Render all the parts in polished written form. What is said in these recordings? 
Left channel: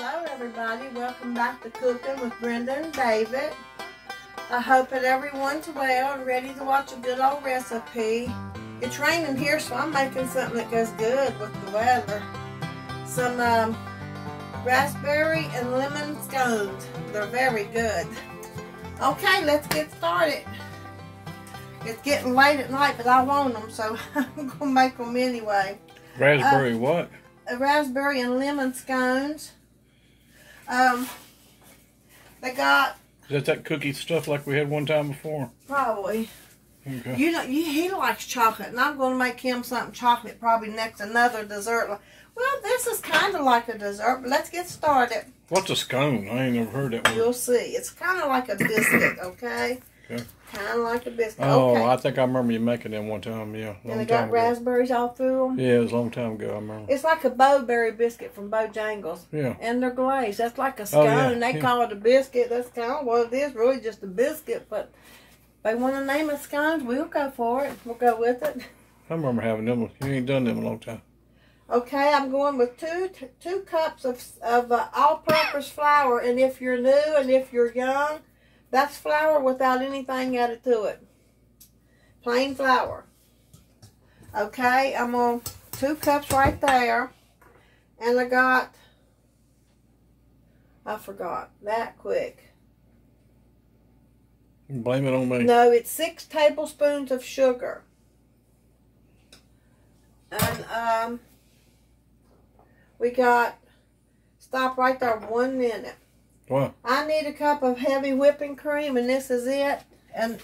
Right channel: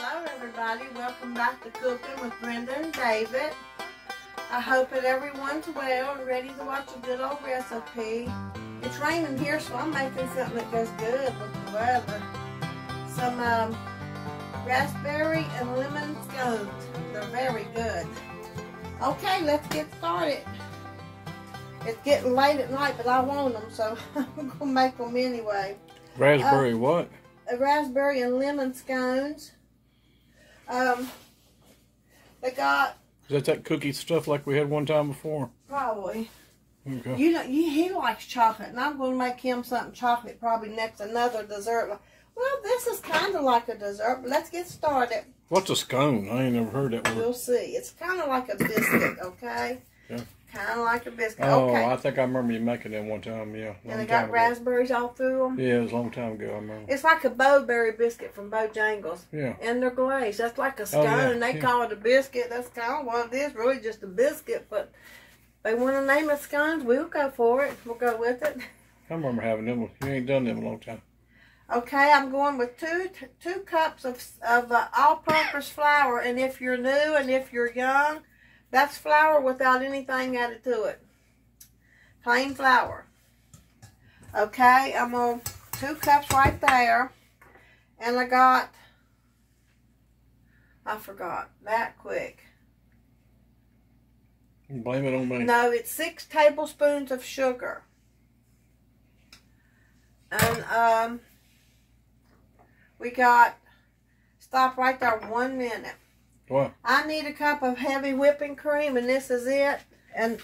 Hello everybody, welcome back to Cooking with Brenda and David. I hope that everyone's well and ready to watch a good old recipe. It's raining here, so I'm making something that goes good with the weather. Some raspberry and lemon scones. They're very good. Okay, let's get started. It's getting late at night, but I want them, so I'm going to make them anyway. Raspberry what? Raspberry and lemon scones. They got... Is that cookie stuff like we had one time before? Probably. Okay. You know, he likes chocolate, and I'm going to make him something chocolate probably next, another dessert. Well, this is kind of like a dessert, but let's get started. What's a scone? I ain't never heard that word. You'll see. It's kind of like a biscuit, okay? Okay. Kind of like a biscuit. Oh, okay. I think I remember you making them one time, yeah. And they got raspberries all through them? Yeah, it was a long time ago, I remember. It's like a Bowberry biscuit from Bojangles. Yeah. And they're glazed. That's like a scone. They call it a biscuit. That's kind of what it is, really just a biscuit. But if they want to name it scones, we'll go for it. We'll go with it. I remember having them. You ain't done them in a long time. Okay, I'm going with two cups of all-purpose flour. And if you're new and if you're young, that's flour without anything added to it. Plain flour. Okay, I'm on 2 cups right there. And I forgot that quick. Blame it on me. No, it's 6 tablespoons of sugar. And we got, stop right there 1 minute. What? I need a cup of heavy whipping cream, and this is it. And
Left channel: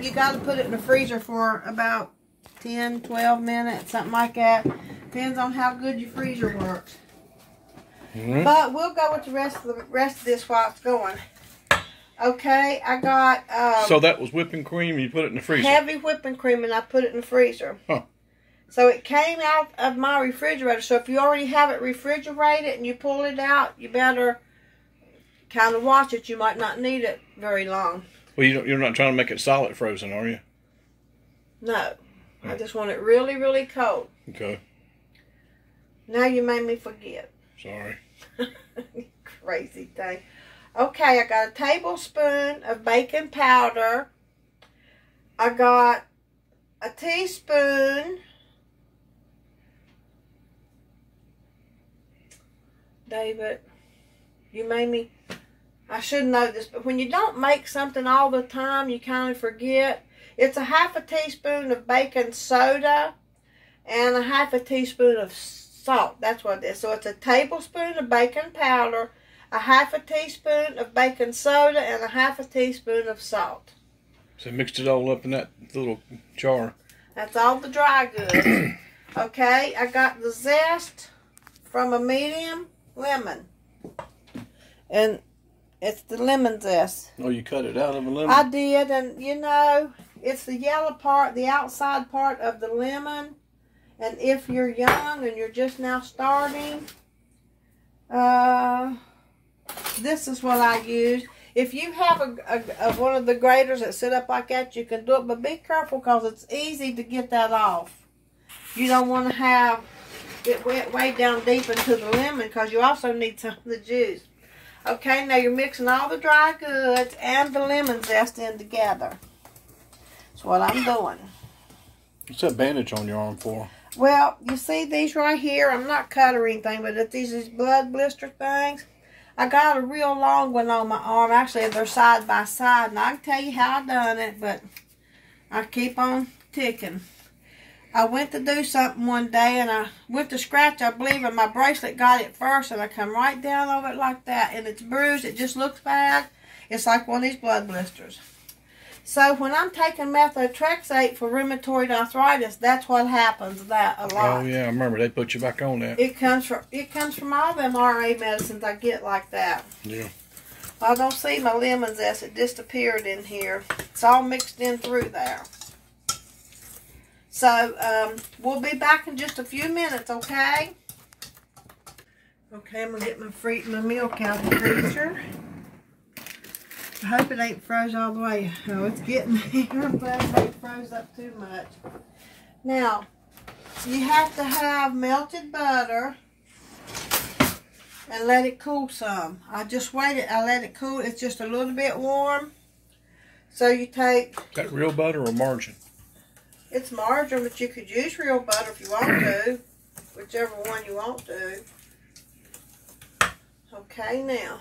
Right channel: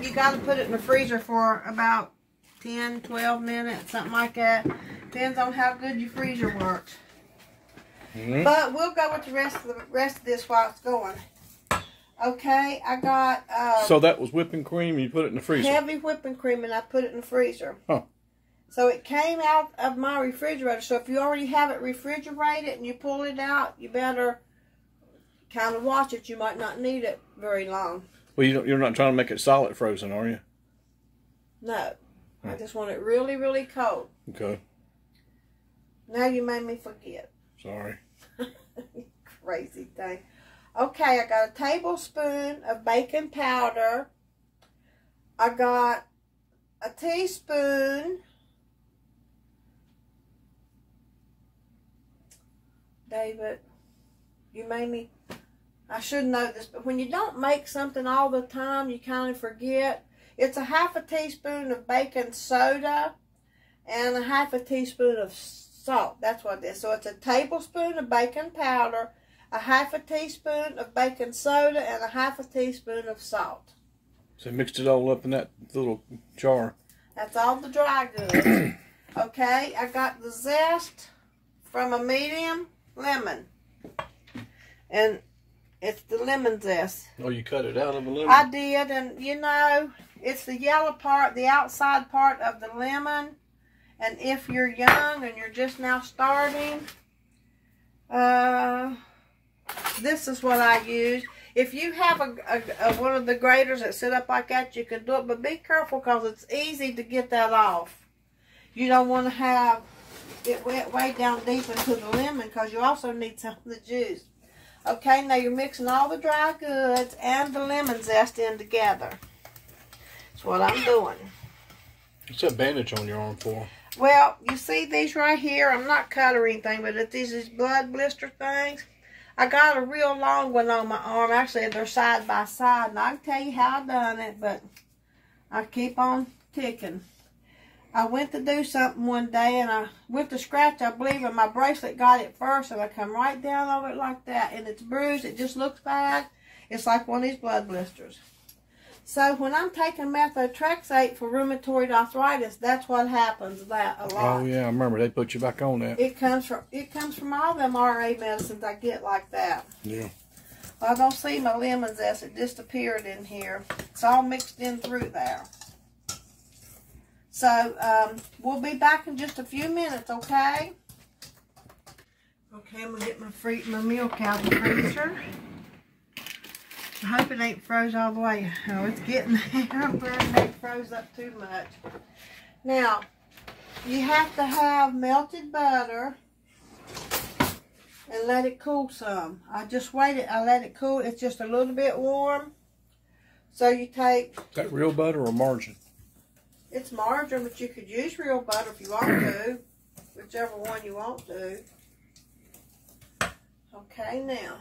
you got to put it in the freezer for about 10, 12 minutes, something like that. Depends on how good your freezer works. Mm-hmm. But we'll go with the rest of this while it's going. Okay, I got... so that was whipping cream, you put it in the freezer? Heavy whipping cream, and I put it in the freezer. Huh. So it came out of my refrigerator. So if you already have it refrigerated and you pull it out, you better kind of watch it. You might not need it very long. Well, you're not trying to make it solid frozen, are you? No. I just want it really, really cold. Okay. Now you made me forget. Sorry. Crazy thing. Okay, I got a tablespoon of baking powder. I got a teaspoon. David, you made me... I should know this, but when you don't make something all the time, you kind of forget. It's a half a teaspoon of baking soda and a half a teaspoon of salt. That's what it is. So it's a tablespoon of baking powder, a half a teaspoon of baking soda, and a half a teaspoon of salt. So mixed it all up in that little jar. That's all the dry goods. Okay, I got the zest from a medium lemon. And it's the lemon zest. Oh, you cut it out of a lemon? I did, and you know, it's the yellow part, the outside part of the lemon. And if you're young and you're just now starting, this is what I use. If you have a one of the graters that sit up like that, you can do it, but be careful because it's easy to get that off. You don't want to have it wet way down deep into the lemon because you also need some of the juice. Okay, now you're mixing all the dry goods and the lemon zest in together. That's what I'm doing. What's that bandage on your arm for? Well, you see these right here? I'm not cut or anything, but it's these blood blister things. I got a real long one on my arm. Actually, they're side by side, and I can tell you how I done it, but I keep on ticking. I went to do something one day, and I went to scratch, I believe, and my bracelet got it first, and I come right down over it like that, and it's bruised. It just looks bad. It's like one of these blood blisters. So when I'm taking methotrexate for rheumatoid arthritis, that's what happens. That a lot. Oh yeah, I remember they put you back on that. It comes from all them RA medicines I get like that. Yeah. I don't see my lemon zest. It disappeared in here. It's all mixed in through there. So, we'll be back in just a few minutes, okay? Okay, I'm going to get my milk out of the freezer. I hope it ain't froze all the way. Oh, it's getting there. I'm glad it ain't froze up too much. Now, you have to have melted butter. and let it cool some. I just waited. I let it cool. It's just a little bit warm. So you take... Is that real butter or margarine? It's margarine, but you could use real butter if you want to. Whichever one you want to. Okay, now.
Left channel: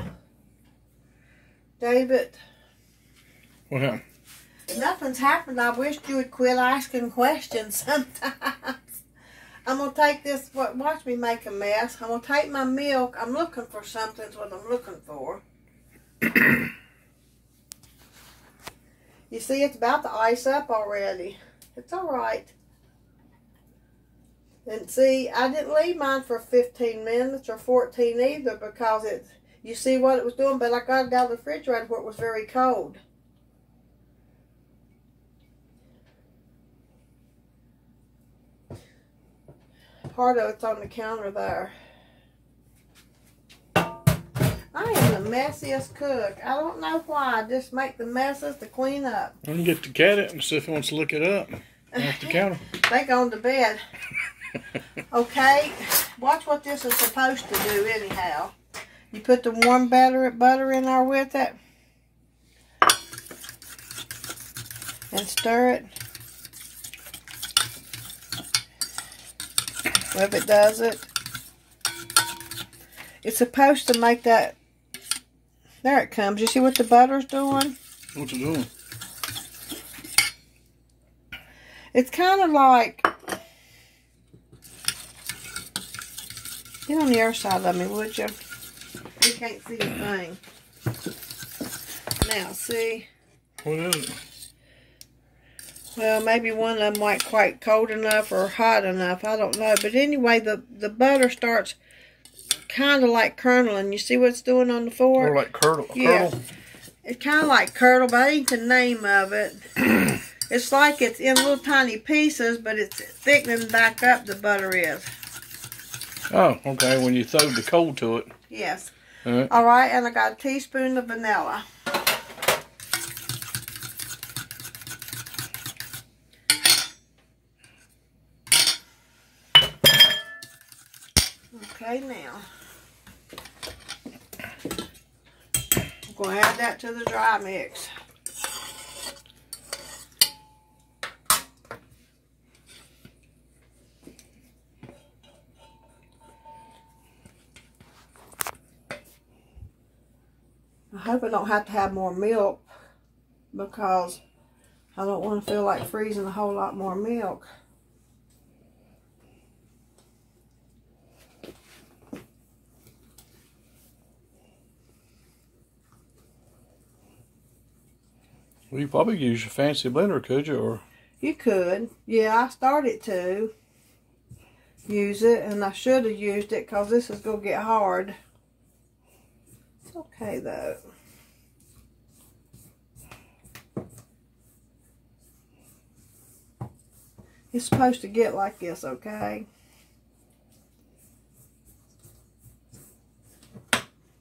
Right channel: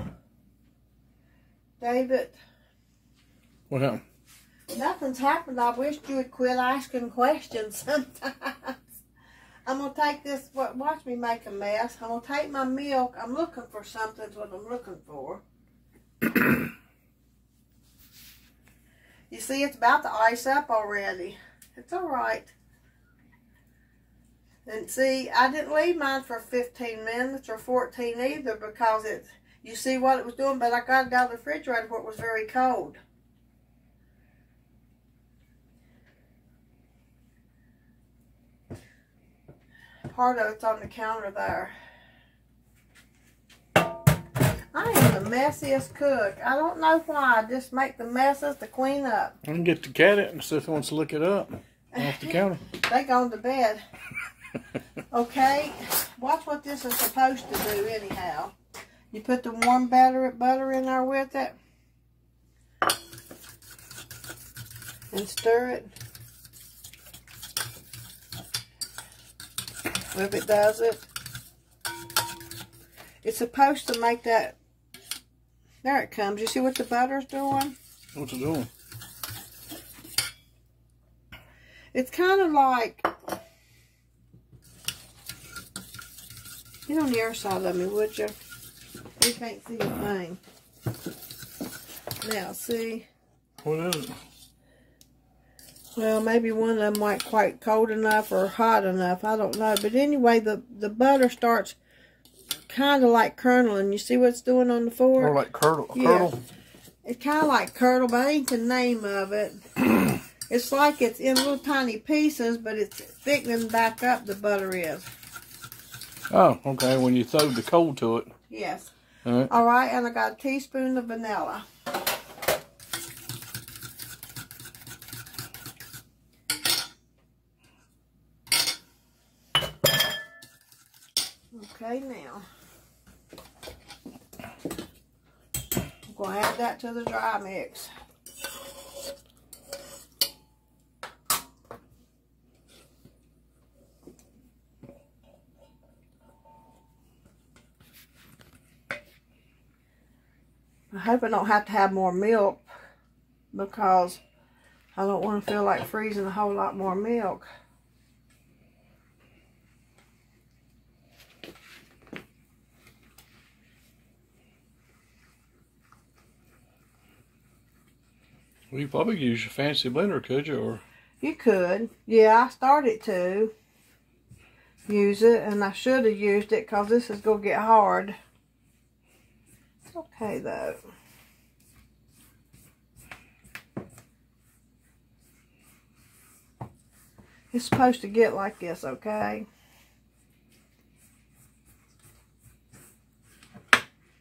David. What happened? Nothing's happened. I wish you would quit asking questions sometimes. I'm going to take this, watch me make a mess. I'm going to take my milk. I'm looking for something, is what I'm looking for. You see, it's about to ice up already. It's all right. And see, I didn't leave mine for 15 minutes or 14 either because you see what it was doing, but I got it out of the refrigerator where it was very cold. Part of it's on the counter there. I am the messiest cook. I don't know why. I just make the messes to clean up. I can get the cat out and see if he wants to look it up off the counter. They gone to bed. Okay, watch what this is supposed to do anyhow. You put the warm butter in there with it. And stir it. If it does it. It's supposed to make that... There it comes. You see what the butter's doing? What's it doing? It's kind of like... Get on the other side of me, would you? You can't see a thing. Now, see? What is it? Well, maybe one of them ain't quite cold enough or hot enough. I don't know. But anyway, the butter starts kind of like curdling. You see what it's doing on the fork? Or like curdle? Yeah. It's kind of like curdle, but I ain't the name of it. It's like it's in little tiny pieces, but it's thickening back up, the butter is. Oh, okay. When you throw the cold to it. Yes. All right. All right, and I got a teaspoon of vanilla. Okay, now. I'm going to add that to the dry mix. I hope I don't have to have more milk because I don't want to feel like freezing a whole lot more milk. Well, you probably use your fancy blender, could you? Or you could. Yeah, I started to use it, and I should have used it because this is going to get hard. It's okay, though. It's supposed to get like this, okay?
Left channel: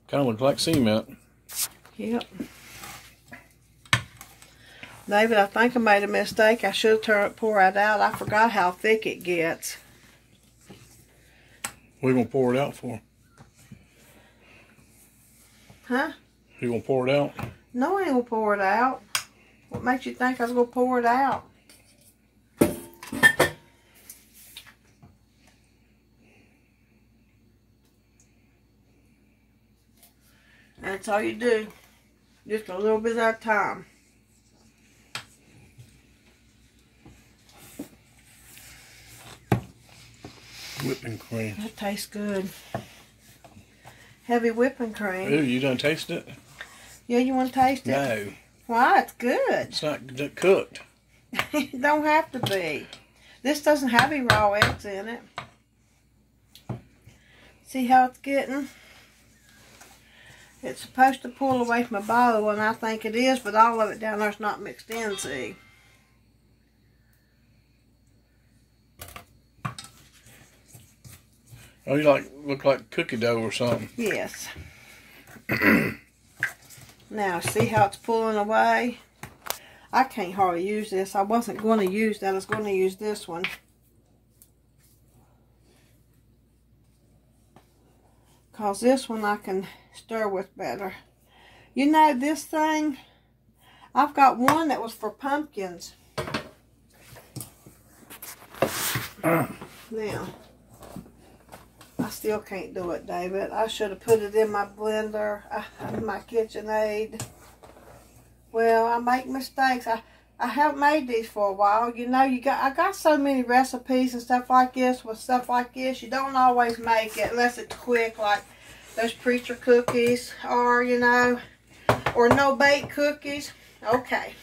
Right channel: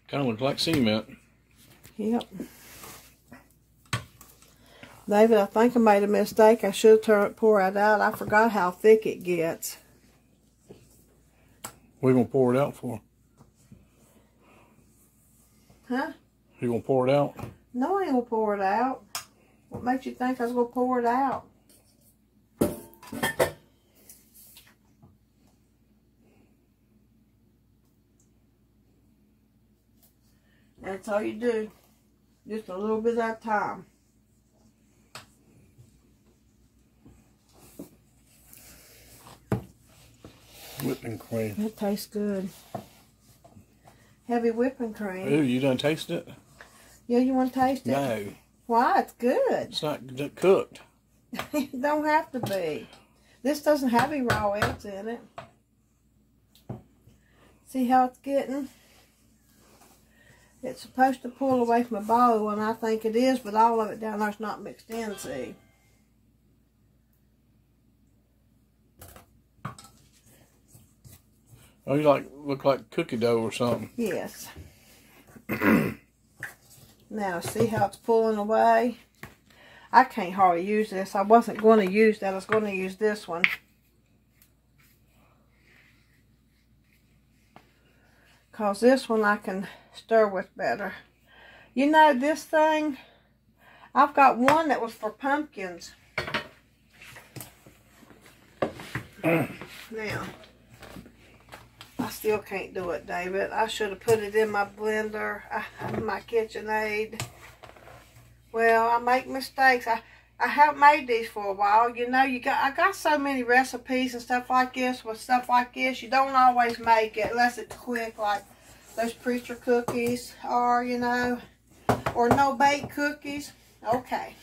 kind of looks like cement. Yep. David, I think I made a mistake. I should have poured it out. I forgot how thick it gets. What are you going to pour it out for? Huh? You going to pour it out? No, I ain't going to pour it out. What makes you think I was going to pour it out? That's all you do. Just a little bit at a time. Whipping cream. That tastes good. Heavy whipping cream. Ooh, you done tasted it? Yeah, you want to taste it? No. Why? It's good. It's not cooked. It don't have to be. This doesn't have any raw eggs in it. See how it's getting? It's supposed to pull away from my bowl, and I think it is, but all of it down there's not mixed in, see? Oh, you look like cookie dough or something. Yes. Now, see how it's pulling away? I can't hardly use this. I wasn't going to use that. I was going to use this one. Because this one I can stir with better. You know, this thing, I've got one that was for pumpkins. Now, I still can't do it, David. I should have put it in my blender, my KitchenAid. Well, I make mistakes. I haven't made these for a while. You know, I got so many recipes and stuff like this. With stuff like this, you don't always make it unless it's quick, like those preacher cookies or, you know, or no-bake cookies. Okay.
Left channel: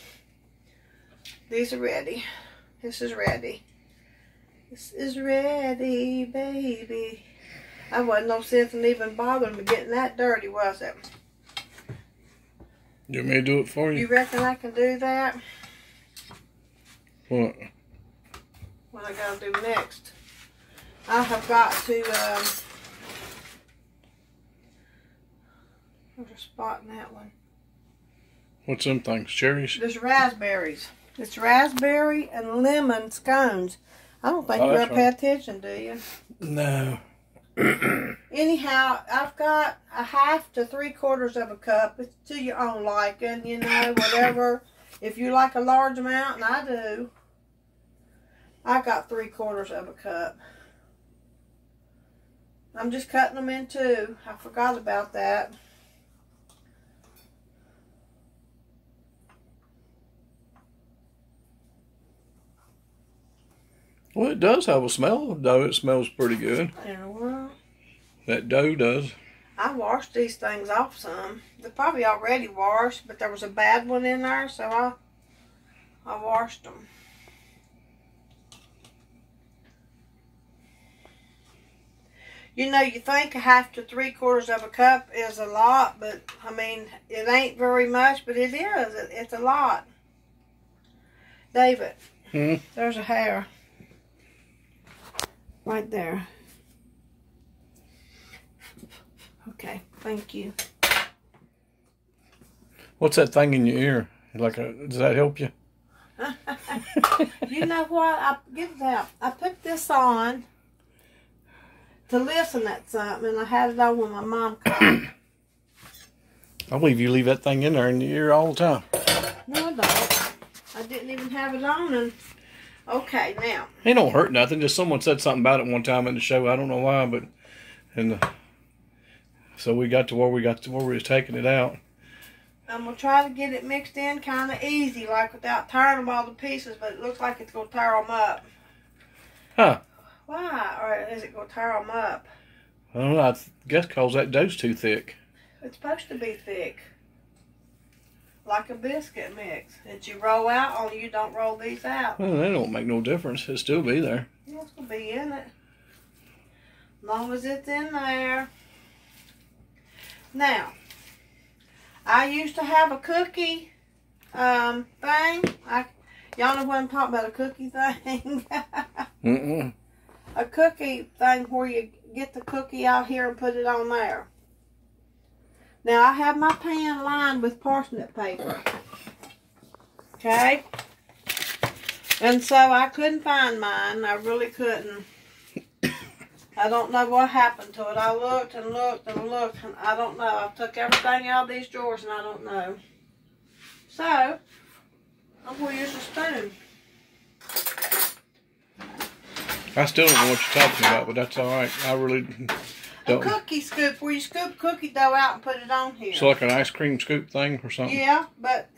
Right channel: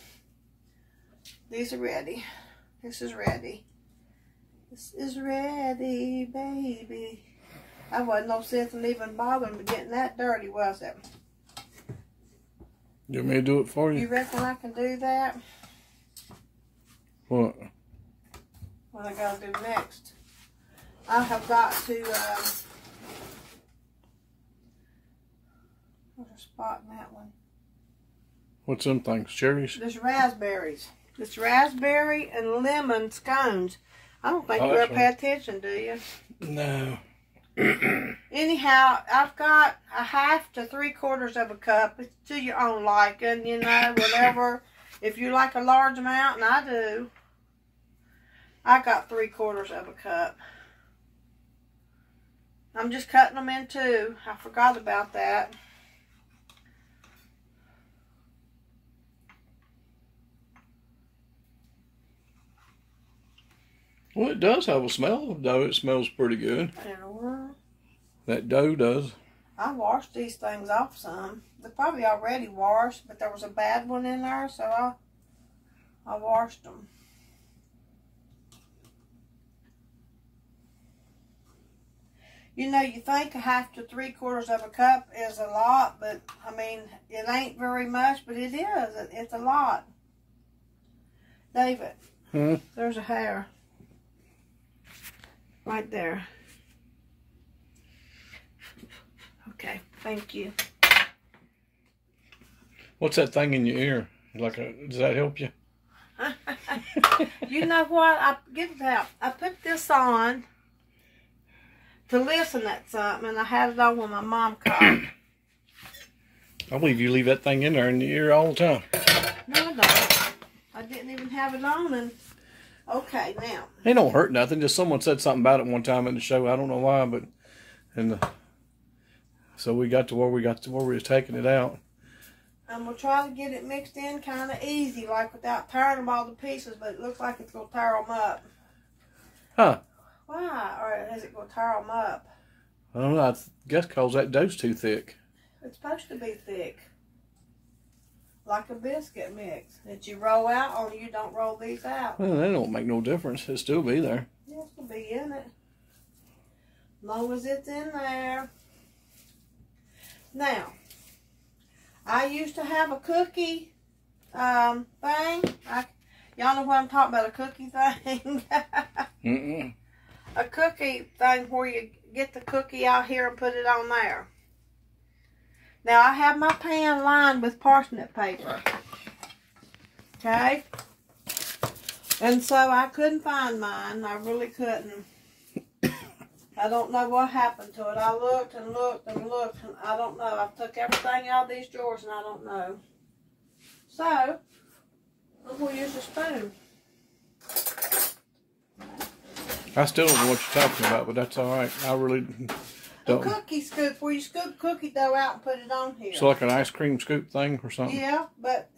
These are ready. This is ready. This is ready, baby. I wasn't no sense in even bothering with getting that dirty, was it? You want me to do it for you? You reckon I can do that? What? What I gotta do next? I have got to, there's a spot in that one. What's them things? Cherries? There's raspberries. It's raspberry and lemon scones. I don't think you ever pay attention, do you? No. Anyhow, I've got a 1/2 to 3/4 of a cup. It's to your own liking, you know, whatever. If you like a large amount, and I do, I got 3/4 of a cup. I'm just cutting them in two. I forgot about that. Well, it does have a smell, though. It smells pretty good. Yeah, well, That dough does. I washed these things off some. They're probably already washed, but there was a bad one in there, so I washed them. You know, you think a 1/2 to 3/4 of a cup is a lot, but, I mean, it ain't very much, but it is. It's a lot. David, there's a hair. Right there. Okay, thank you. What's that thing in your ear? Does that help you? You know what? Get it out. I put this on to listen at something, and I had it on when my mom called. I believe you leave that thing in there in your ear all the time. No, I don't. I didn't even have it on. And okay, now. It don't hurt nothing. Just someone said something about it one time in the show. I don't know why, but so we got to where we was taking it out. I'm going to try to get it mixed in kind of easy, like without tearing them all to pieces, but it looks like it's going to tear them up. Huh. Why? Or is it going to tear them up? I don't know. I guess because that dough's too thick. It's supposed to be thick. Like a biscuit mix that you roll out, only you don't roll these out. Well, that don't make no difference. It'll still be there. Yeah, it's going to be in it. As long as it's in there. Now, I used to have a cookie thing. Y'all know what I'm talking about, a cookie thing? A cookie thing where you get the cookie out here and put it on there. Now, I have my pan lined with parsnip paper. Okay? And so I couldn't find mine. I really couldn't. I don't know what happened to it. I looked and looked and looked, and I don't know. I took everything out of these drawers, and I don't know. So, I'm going to use a spoon. I still don't know what you're talking about, but that's all right. I really don't. A cookie scoop, where you scoop cookie dough out and put it on here. So like an ice cream scoop thing or something? Yeah, but,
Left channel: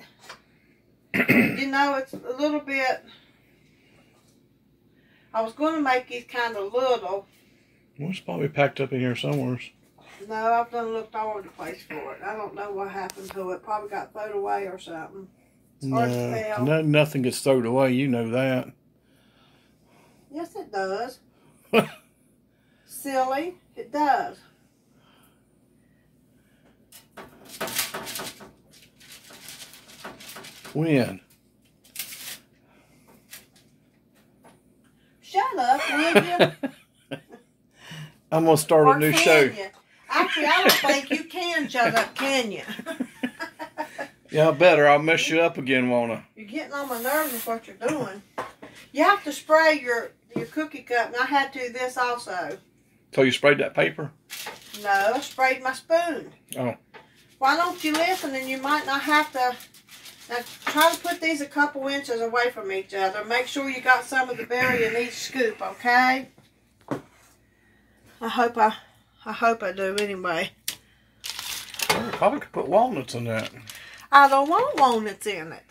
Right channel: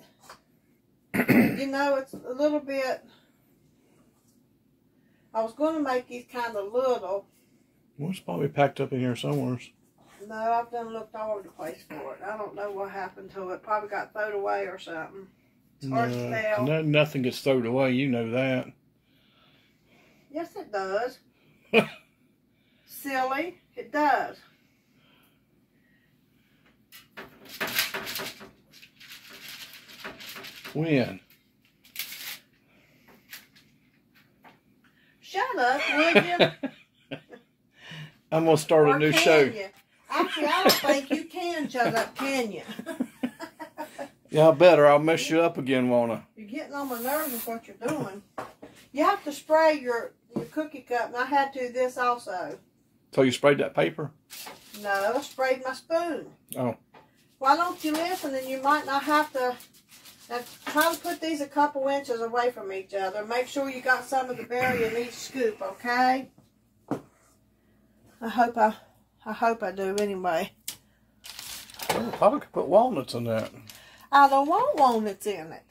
you know, it's a little bit... I was going to make these kind of little... Well, it's probably packed up in here somewhere. No, I've done looked all over the place for it. I don't know what happened to it. Probably got thrown away or something. It's hard to tell. No, nothing gets thrown away. You know that. Yes, it does. Silly. It does. When? Shut up, would you? I'm going to start a new show. You? Actually, I don't think you can shut up, can you? Yeah, I better. I'll mess you up again, won't I? You're getting on my nerves with what you're doing. You have to spray your cookie cup, and I had to this also. So you sprayed that paper? No, I sprayed my spoon. Oh. Why don't you listen, and you might not have to. Now, try to put these a couple inches away from each other. Make sure you got some of the berry in each scoop, okay? I hope I do anyway. Well, probably could put walnuts in that. I don't want walnuts in it.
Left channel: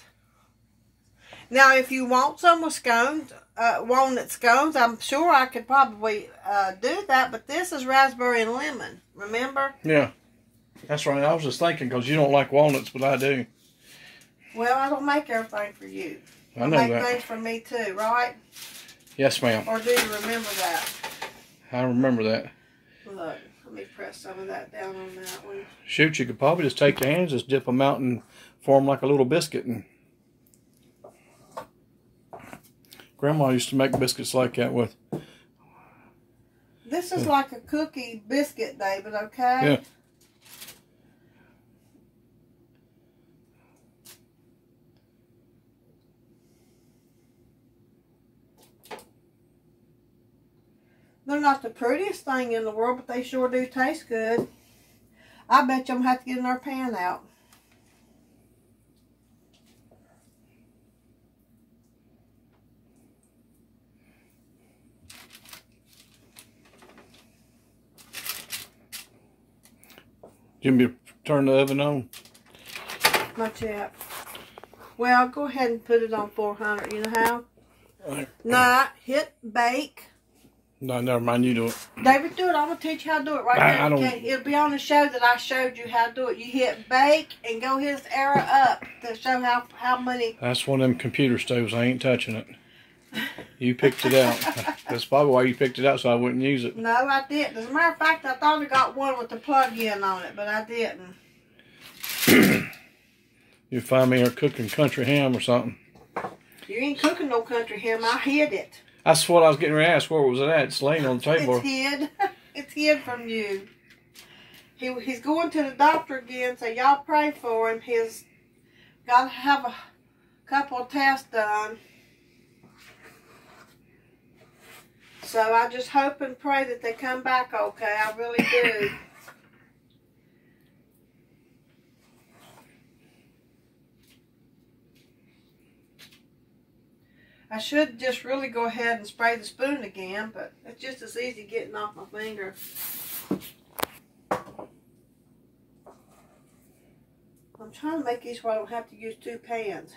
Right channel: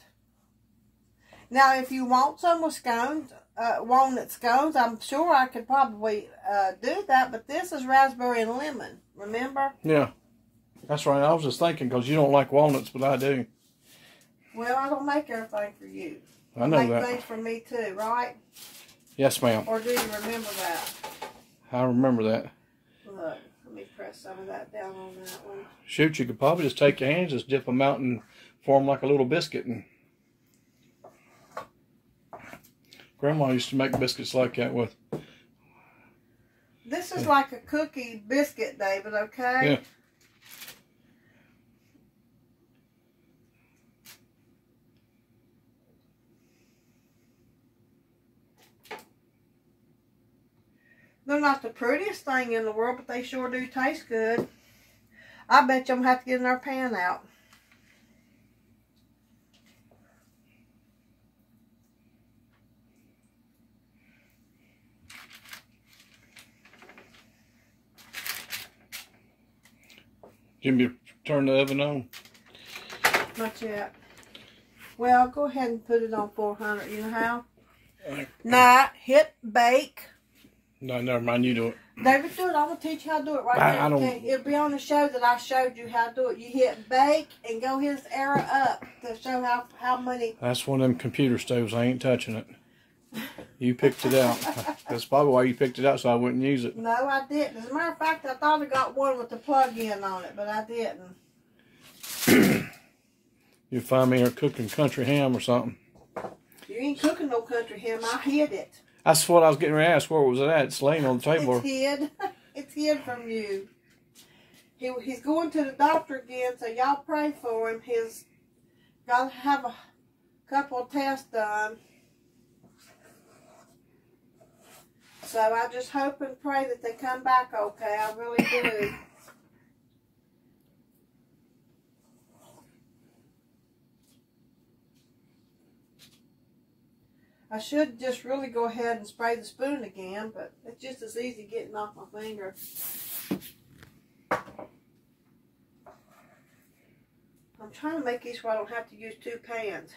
Now, if you want some with scones, walnut scones, I'm sure I could probably do that, but this is raspberry and lemon, remember? Yeah, that's right. I was just thinking, because you don't like walnuts, but I do. Well, I don't make everything for you. I know make that. things for me too, right? Yes, ma'am. Or do you remember that? I remember that. Look, let me press some of that down on that one. Shoot, you could probably just take your hands, just dip them out and form like a little biscuit. And Grandma used to make biscuits like that with. This is like a cookie biscuit, David, okay? Yeah. They're not the prettiest thing in the world, but they sure do taste good. I bet you I'm going to have to get another pan out. Jimmy, turn the oven on. Not yet. Well, go ahead and put it on 400. You know how? Right. Nah, hit bake. No, never mind. You do it. David, do it. I'm going to teach you how to do it right now. I don't. It'll be on the show that I showed you how to do it. You hit bake and go his arrow up to show how many. That's one of them computer stoves. I ain't touching it. You picked it out. That's probably why you picked it out, so I wouldn't use it. No, I didn't. As a matter of fact, I thought I got one with the plug-in on it, but I didn't. You find me here cooking country ham or something. You ain't cooking no country ham. I hid it. That's what I was getting ready to ask. Where was it at? It's laying on the table. It's hid. It's hid from you. He's going to the doctor again, so y'all pray for him. He's got to have a couple of tests done. So I just hope and pray that they come back okay. I really do. I should just really go ahead and spray the spoon again, but it's just as easy getting off my finger. I'm trying to make these so I don't have to use two pans.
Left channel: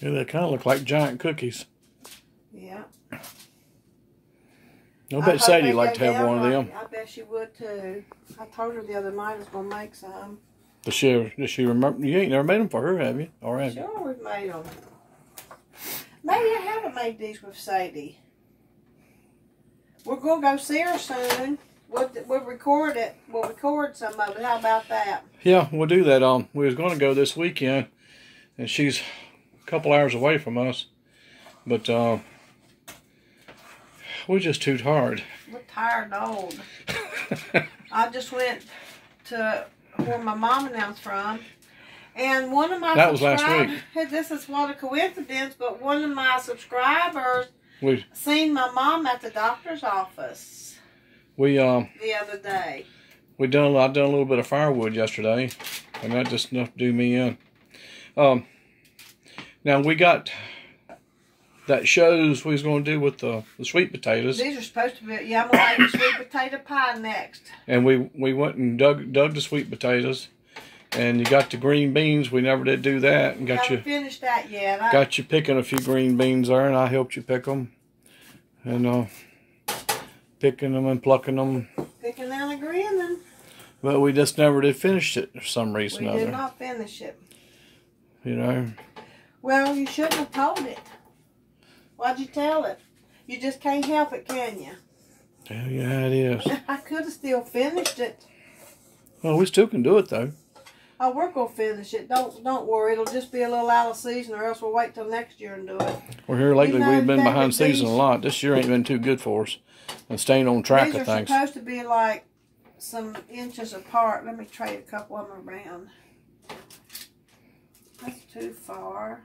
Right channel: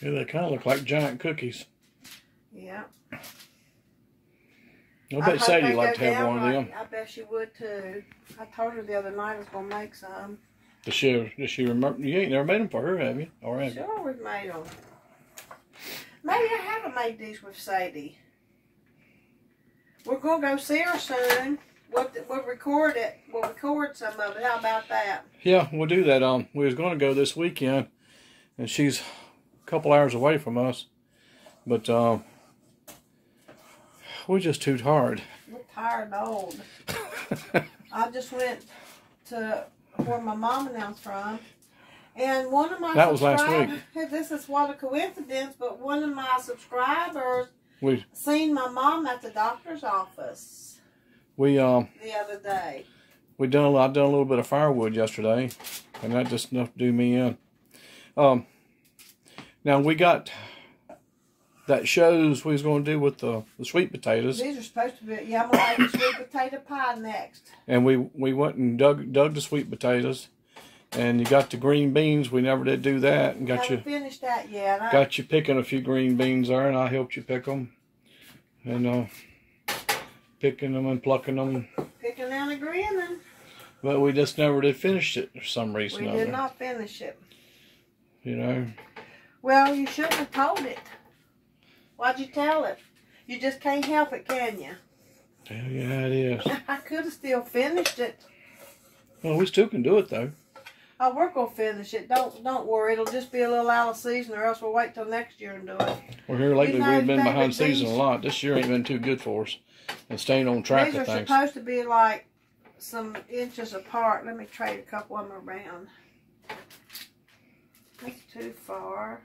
Yeah, they kind of look like giant cookies. Yeah. I bet Sadie liked to have one of them. I bet she would too. I told her the other night I was going to make some. Does she remember? You ain't never made them for her, have you? Or have you? Sure, we've made them. Maybe I haven't made these with Sadie. We're going to go see her soon. We'll record it. We'll record some of it. How about that? Yeah, we'll do that. We was going to go this weekend, and she's a couple hours away from us, but we're just too tired. We're tired and old. I just went to where my mom and them's from, and one of my that was last week. This is what a coincidence, but one of my subscribers seen my mom at the doctor's office. The other day. I done a little bit of firewood yesterday, and that just enough to do me in. Now we got that shows we was going to do with the sweet potatoes. These are supposed to be, yeah, I'm going to make a sweet potato pie next. And we went and dug the sweet potatoes, and you got the green beans. We never did do that, and haven't finished that yet. Got you picking a few green beans there, and I helped you pick them, and picking them and plucking them. Picking them and agreeing them. But we just never did finish it for some reason. We did not finish it. You know. Well, you shouldn't have told it. Why'd you tell it? You just can't help it, can you? Hell yeah, it is. I could have still finished it. Well, we still can do it though. Oh, we're gonna finish it. Don't worry. It'll just be a little out of season, or else we'll wait till next year and do it. Well, here lately we've been behind season a lot. This year ain't been too good for us, and staying on track of things. These are supposed to be like some inches apart. Let me trade a couple of them around. That's too far.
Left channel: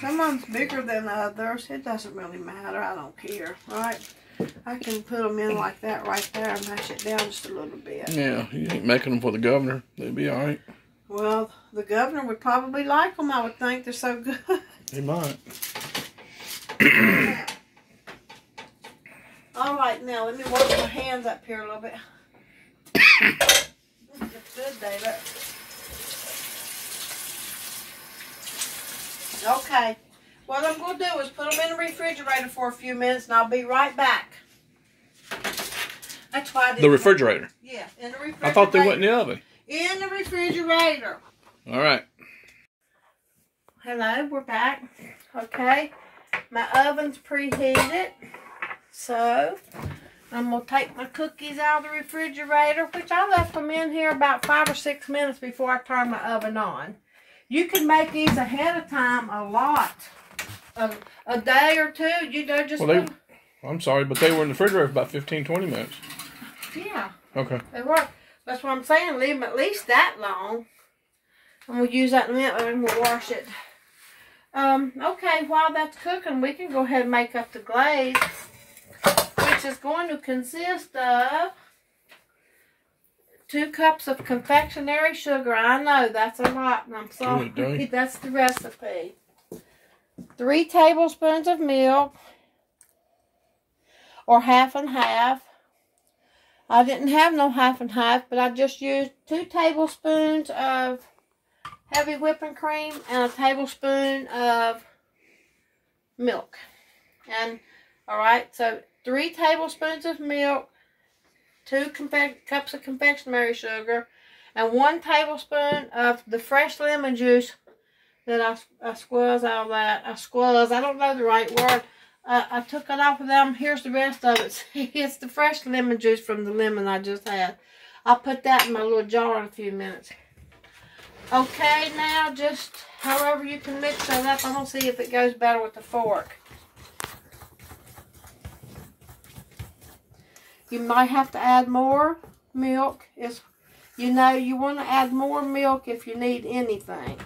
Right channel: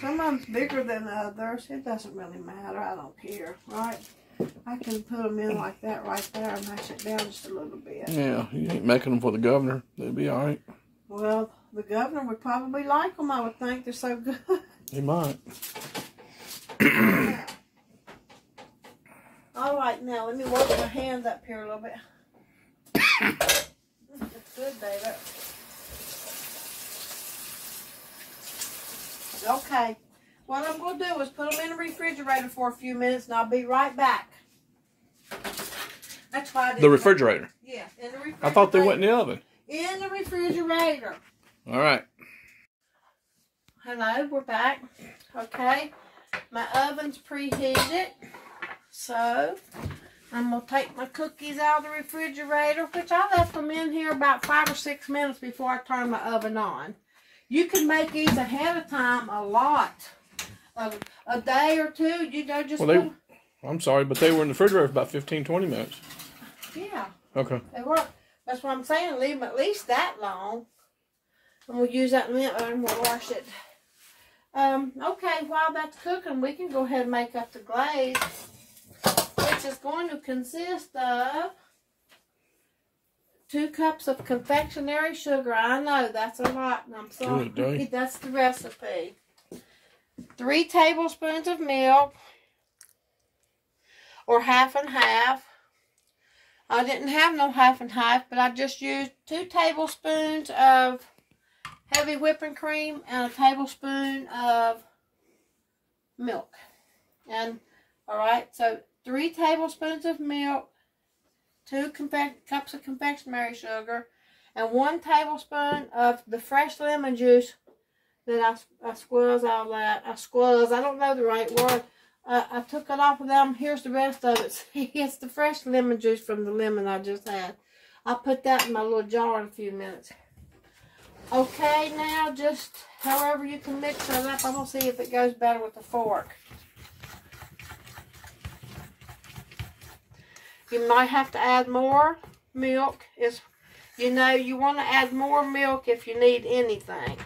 Some of them's bigger than others. It doesn't really matter. I don't care, right? I can put them in like that right there and mash it down just a little bit. Yeah, you ain't making them for the governor. They'll be all right. Well, the governor would probably like them, I would think. They're so good. They might. All right, now let me work my hands up here a little bit. That's good, David. Okay. What I'm going to do is put them in the refrigerator for a few minutes, and I'll be right back. That's why I did the refrigerator? Yeah, in the refrigerator. I thought they went in the oven. In the refrigerator. All right. Hello, we're back. Okay. My oven's preheated. So, I'm going to take my cookies out of the refrigerator, which I left them in here about 5 or 6 minutes before I turned my oven on. You can make these ahead of time a lot. A day or two, you know, just... Well, I'm sorry, but they were in the refrigerator for about 15, 20 minutes. Yeah. Okay. They were. That's what I'm saying. Leave them at least that long. And we'll use that in a minute and we'll wash it. Okay, while that's cooking, we can go ahead and make up the glaze, which is going to consist of 2 cups of confectionery sugar. I know that's a lot, and I'm sorry. That's the recipe. 3 tablespoons of milk, or half and half. I didn't have no half and half, but I just used 2 tablespoons of heavy whipping cream and a tablespoon of milk. And, alright, so 3 tablespoons of milk, 2 cups of confectionery sugar, and 1 tablespoon of the fresh lemon juice that I squeeze out of that. I don't know the right word. I took it off of them. Here's the rest of it. See, it's the fresh lemon juice from the lemon I just had. I'll put that in my little jar in a few minutes. Okay, now just however you can mix that up. I'm going to see if it goes better with the fork. You might have to add more milk. You know, you want to add more milk if you need anything.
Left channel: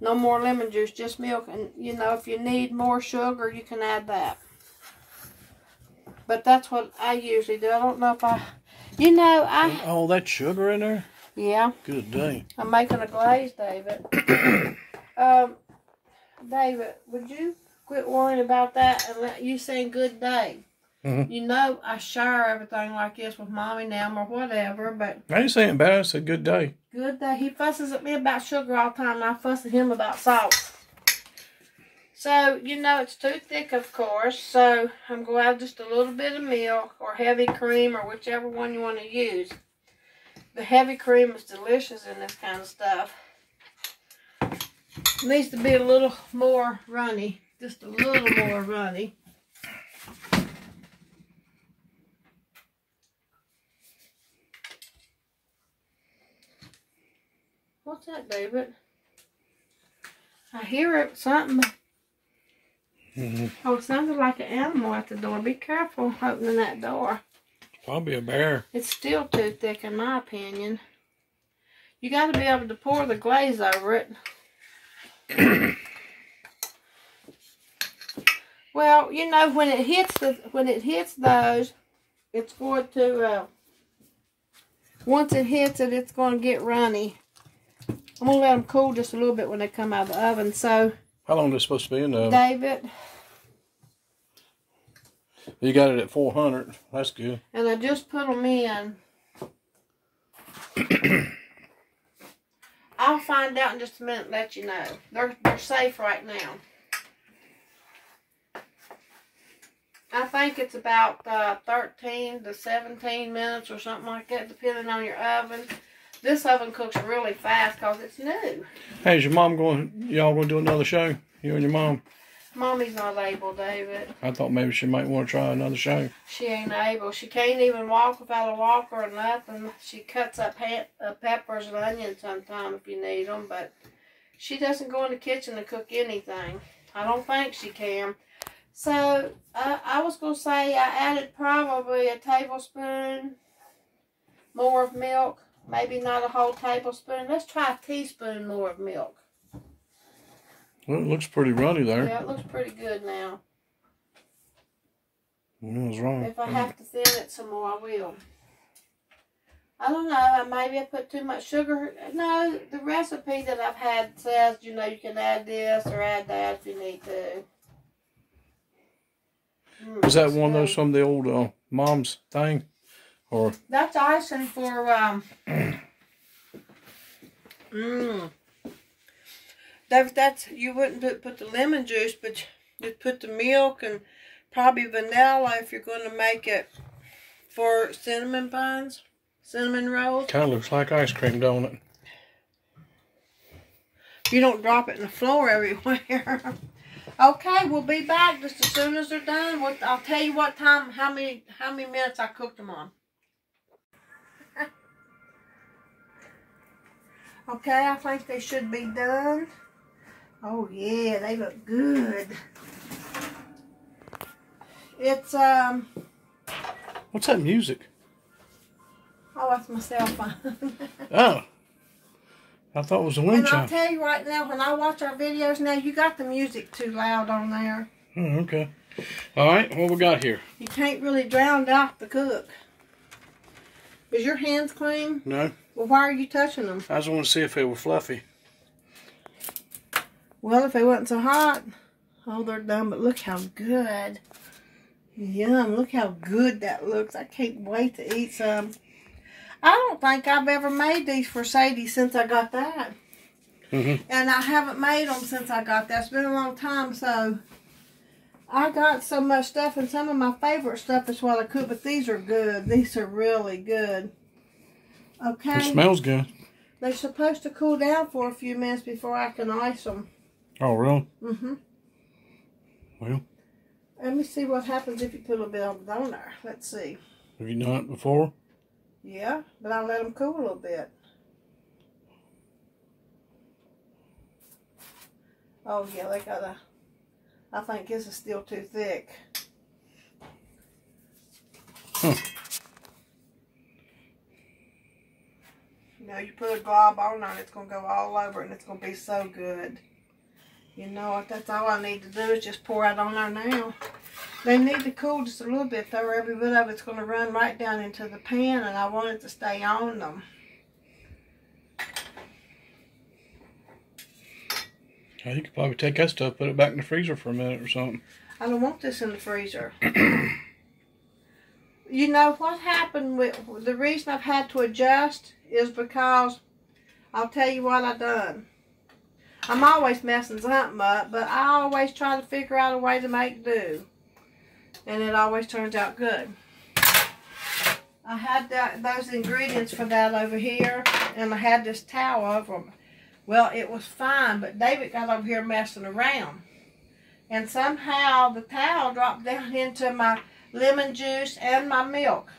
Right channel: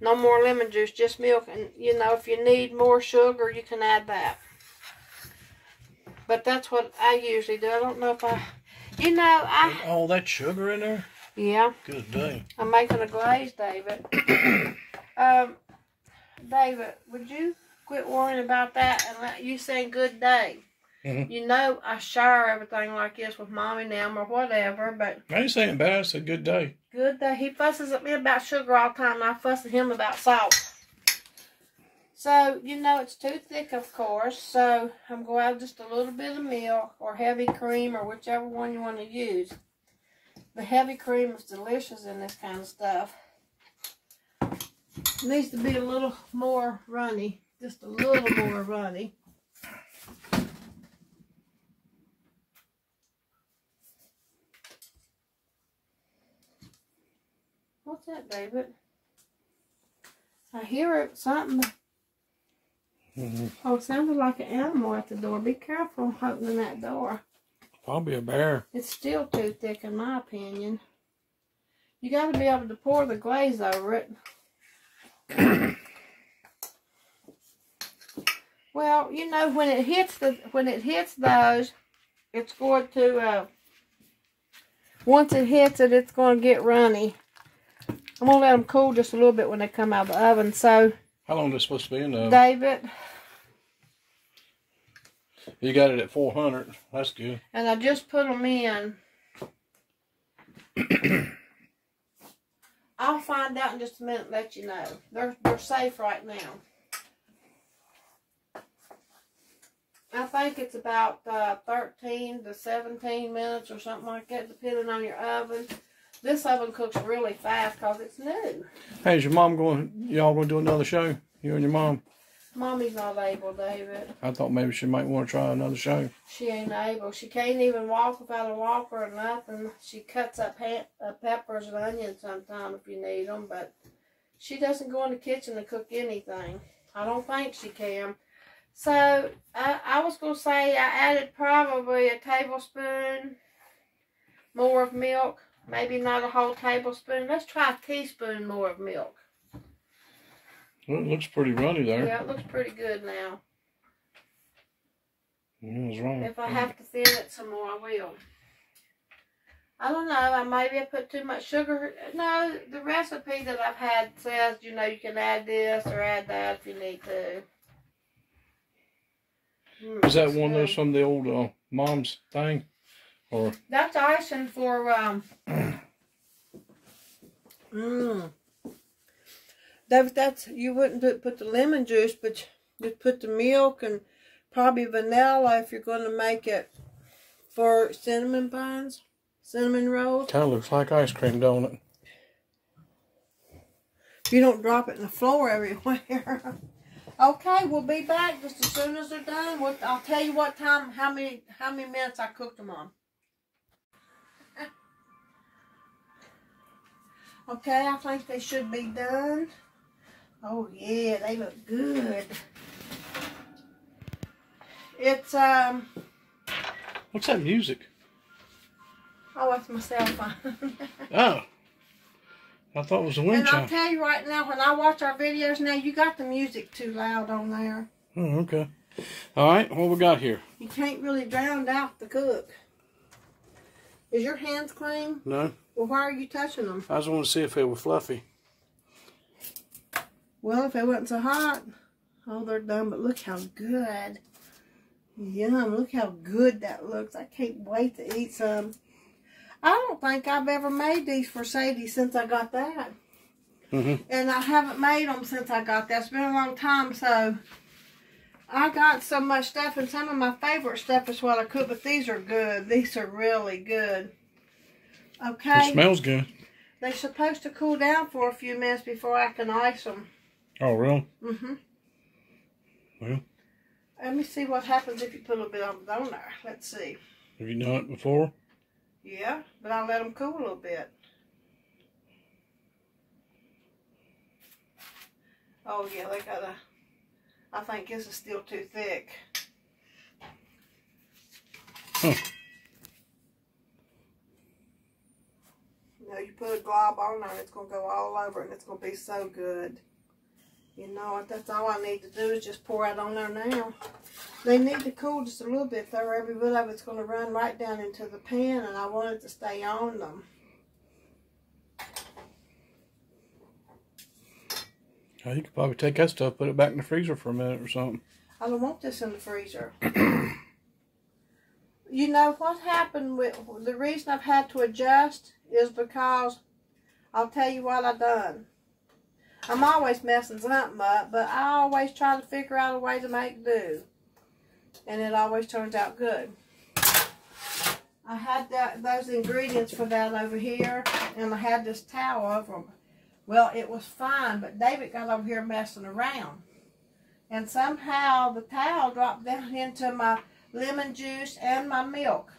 No more lemon juice, just milk. And, you know, if you need more sugar, you can add that. But that's what I usually do. I don't know if Oh, that sugar in there? Yeah. Good day. I'm making a glaze, David. David, would you quit worrying about that and let you saying good day? Mm-hmm. You know, I share everything like this with Mommy now or whatever, but... I ain't saying bad. I said good day. Good day. He fusses at me about sugar all the time, and I fuss at him about salt. So, you know, it's too thick, of course, so I'm going to add just a little bit of milk or heavy cream or whichever one you want to use. The heavy cream is delicious in this kind of stuff. It needs to be a little more runny, just a little more runny. What's that, David? I hear it, something. Mm-hmm. Oh, it sounded like an animal at the door. Be careful opening that door. Probably a bear. It's still too thick, in my opinion. You got to be able to pour the glaze over it. Well, you know, when it hits those, it's going to. Once it hits it, it's going to get runny. I'm going to let them cool just a little bit when they come out of the oven. So, how long are they supposed to be in the oven? David. You got it at 400. That's good. And I just put them in. I'll find out in just a minute and let you know. They're safe right now. I think it's about 13 to 17 minutes or something like that, depending on your oven. This oven cooks really fast because it's new. Hey, is your mom y'all going to do another show? You and your mom? Mommy's not able, David. I thought maybe she might want to try another show. She ain't able. She can't even walk without a walker or nothing. She cuts up peppers and onions sometimes if you need them, but she doesn't go in the kitchen to cook anything. I don't think she can. So, I was going to say I added probably a tablespoon more of milk. Maybe not a whole tablespoon. Let's try a teaspoon more of milk. Well, it looks pretty runny there. Yeah, it looks pretty good now. What's wrong? If I have to thin it some more, I will. I don't know. Maybe I put too much sugar. No, the recipe that I've had says, you know, you can add this or add that if you need to. Is that one of those from the old mom's thing? Or that's icing for that's you wouldn't put the lemon juice, but you'd put the milk and probably vanilla if you're going to make it for cinnamon buns, cinnamon rolls. Kind of looks like ice cream, don't it? You don't drop it in the floor everywhere. Okay, we'll be back just as soon as they're done. I'll tell you what time, how many minutes I cooked them on. Okay, I think they should be done. Oh yeah, they look good. It's What's that music? Oh, that's my cell phone. Oh. I thought it was a wind chime. And I'll tell you right now, when I watch our videos now, you got the music too loud on there. Oh, okay. All right, what we got here? You can't really drown out the cook. Is your hands clean? No. Well, why are you touching them? I just want to see if they were fluffy. Well, if they wasn't so hot. Oh, they're done, but look how good. Yum, look how good that looks. I can't wait to eat some. I don't think I've ever made these for Sadie since I got that. And I haven't made them since I got that. It's been a long time, so I got so much stuff, and some of my favorite stuff is what I cook, but these are good. These are really good. Okay. It smells good. They're supposed to cool down for a few minutes before I can ice them. Oh, really? Well. Let me see what happens if you put a little bit of it on there. Let's see. Have you done it before? Yeah, but I let them cool a little bit. Oh yeah, they gotta. I think this is still too thick. Huh. You know, you put a glob on there and it's gonna go all over and it's gonna be so good. You know, that's all I need to do is just pour it on there now. They need to cool just a little bit though, or every bit of it's going to run right down into the pan, and I want it to stay on them. Oh, you could probably take that stuff, put it back in the freezer for a minute or something. I don't want this in the freezer. You know what happened with the reason I've had to adjust is because I'll tell you what I done. I'm always messing something up, but I always try to figure out a way to make do. And it always turns out good. I had those ingredients for that over here, and I had this towel over them. Well, it was fine, but David got over here messing around. And somehow the towel dropped down into my lemon juice and my milk.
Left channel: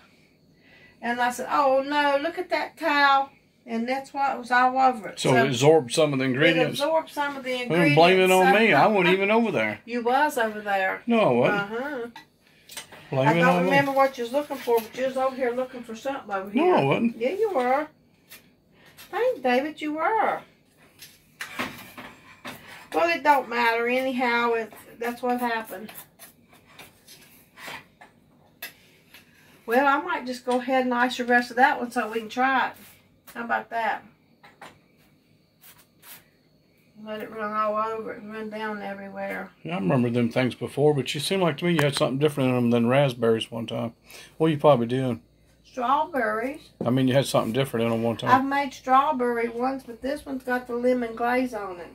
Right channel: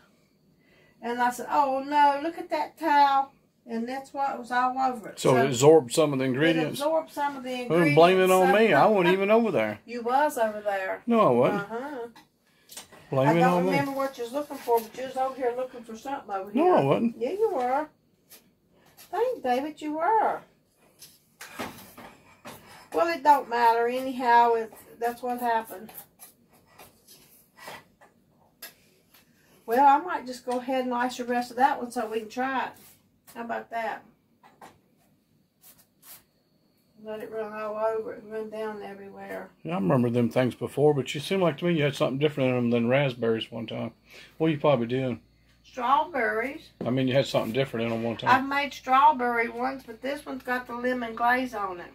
And I said, oh no, look at that towel. And that's why it was all over it. So it absorbed some of the ingredients? It absorbed some of the ingredients. Don't blame it on me. I wasn't even over there. You was over there. No, I wasn't. Blame I it don't on remember me. what you was looking for, but you was over here looking for something over here. No, I wasn't. Yeah, you were. Thanks, David, you were. Well, it don't matter. Anyhow, that's what happened. Well, I might just go ahead and ice the rest of that one so we can try it. How about that? Let it run all over it and run down everywhere. Yeah, I remember them things before, but you seemed like to me you had something different in them than raspberries one time. What are you probably doing? Strawberries. I mean, you had something different in them one time. I've made strawberry ones, but this one's got the lemon glaze on it.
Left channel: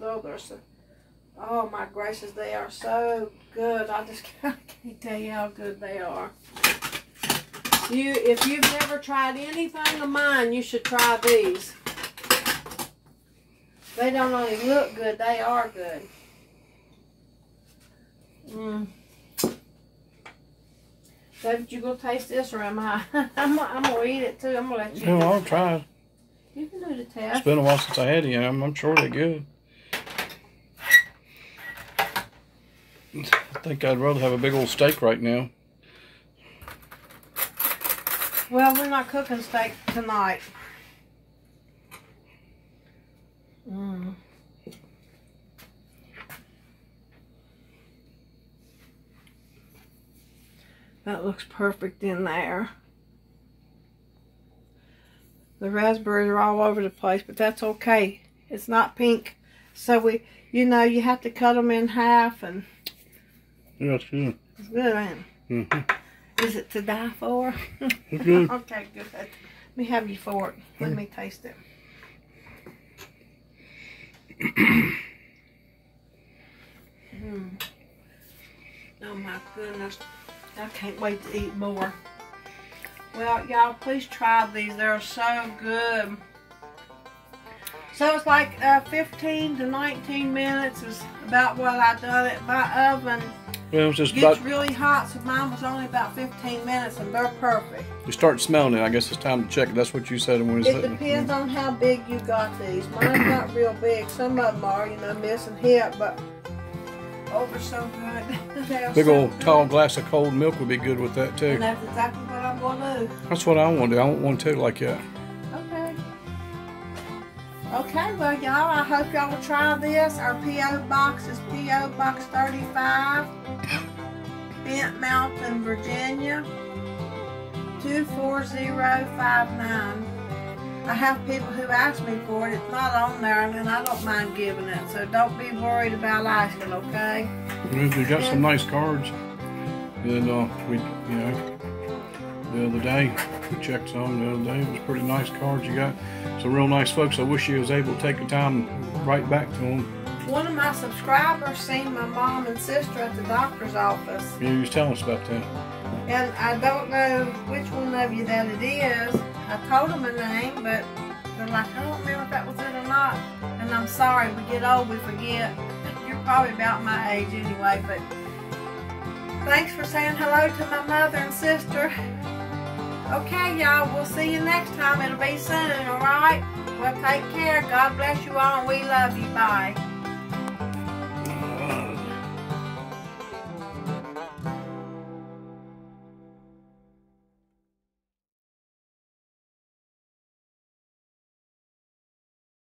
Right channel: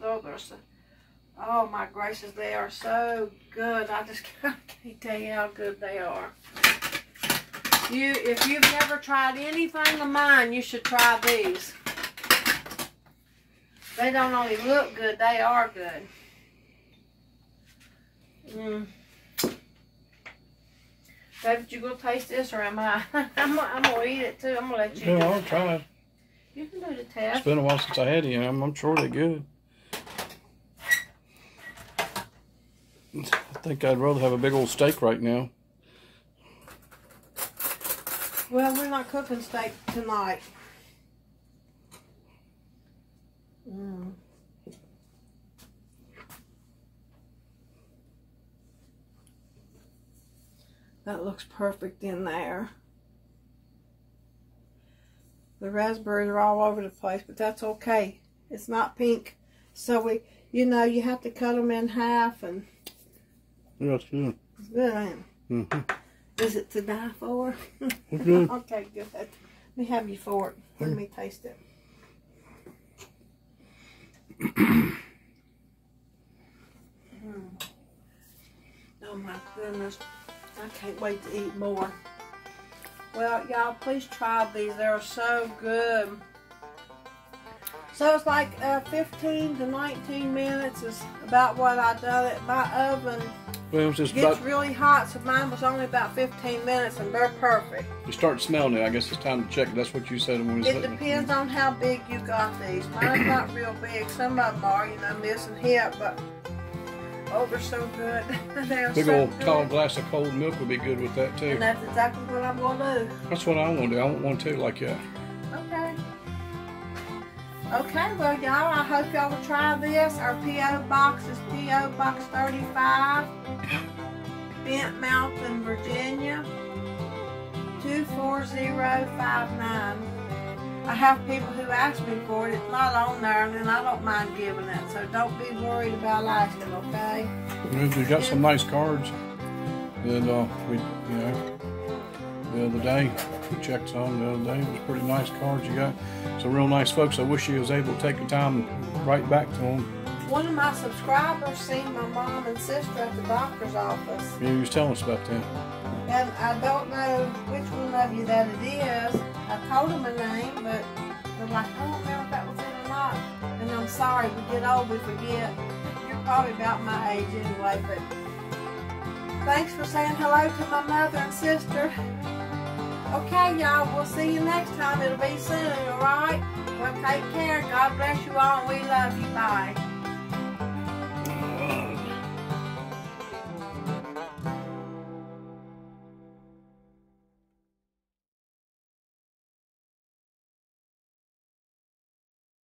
Oh my gracious, they are so good. I just can't tell you how good they are. If you've never tried anything of mine, you should try these. They don't only look good, they are good. David, you gonna taste this or am I? I'm gonna eat it too. I'm gonna let you. Yeah, I'll try it. You can do the test. It's been a while since I had any. I'm sure they're good. I think I'd rather have a big old steak right now. Well, we're not cooking steak tonight. That looks perfect in there. The raspberries are all over the place, but that's okay. It's not pink. So you know, you have to cut them in half and... Yeah, it's good. It's good, ain't it? Mm-hmm. Is it to die for? It's good. Okay, good. Let me have you fork. Let me taste it. Oh my goodness. I can't wait to eat more. Well, y'all, please try these. They're so good. So it's like 15 to 19 minutes is about what I done it. My oven gets really hot, so mine was only about 15 minutes, and they're perfect. You start smelling it. I guess it's time to check. That's what you said. It depends on how big you got these. Mine's not real big. Some of them are, you know, this and hip, but oh, they're so good. Big old tall glass of cold milk would be good with that too. And that's exactly what I'm going to do. That's what I want to do. I want one too like that. Okay. Okay, well, y'all, I hope y'all will try this. Our P.O. Box is P.O. Box 35, Bent Mountain, Virginia, 24059. I have people who ask me for it. It's not on there, and I don't mind giving it. So don't be worried about asking, okay? We got some nice cards. And we, you know, the other day we checked some. The other day it was pretty nice cards you got. Some real nice folks. I wish you was able to take the time and write back to them. One of my subscribers seen my mom and sister at the doctor's office. Yeah, you was telling us about that. And I don't know which one of you that it is. I told them a name, but they're like, I don't know if that was it or not. And I'm sorry, we get old, we forget. You're probably about my age anyway, but thanks for saying hello to my mother and sister. Okay, y'all, we'll see you next time. It'll be soon, alright? Well, take care. God bless you all, and we love you. Bye.